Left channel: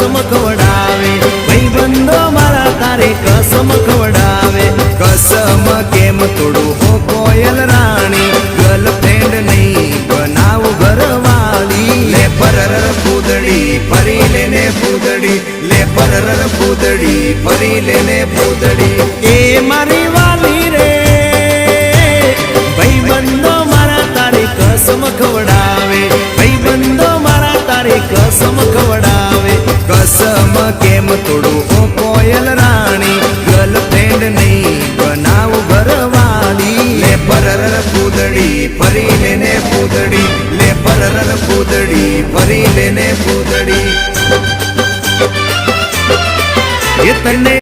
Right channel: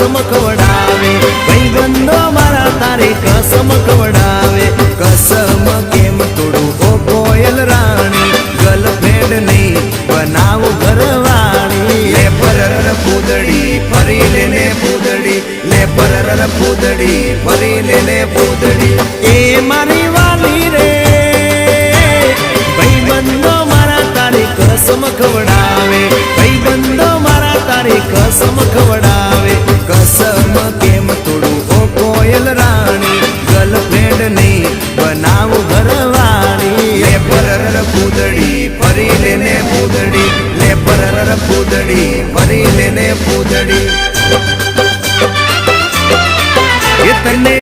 कसम खवडावे भाईबंधो मारा तारे कसम खवडावे कसम केम तोड़ो ओ कोयल राणी गर्लफ्रेंड नहीं बनाव घरवाली ले परर पूदड़ी फरी लेने पूदड़ी ले परर पूदड़ी फरी लेने पूदड़ी ए मारी वाली रे भाईबंधो मारा तारे कसम खवडावे भाईबंधो मारा तारे कसम खवडावे कसम केम तोड़ो ओ कोयल राणी गर्लफ्रेंड नहीं बनाव घरवाली ले परर पूदड़ी फरी लेने पूदड़ी ले परर पूदड़ी फरी लेने पूदड़ी ये तन्ने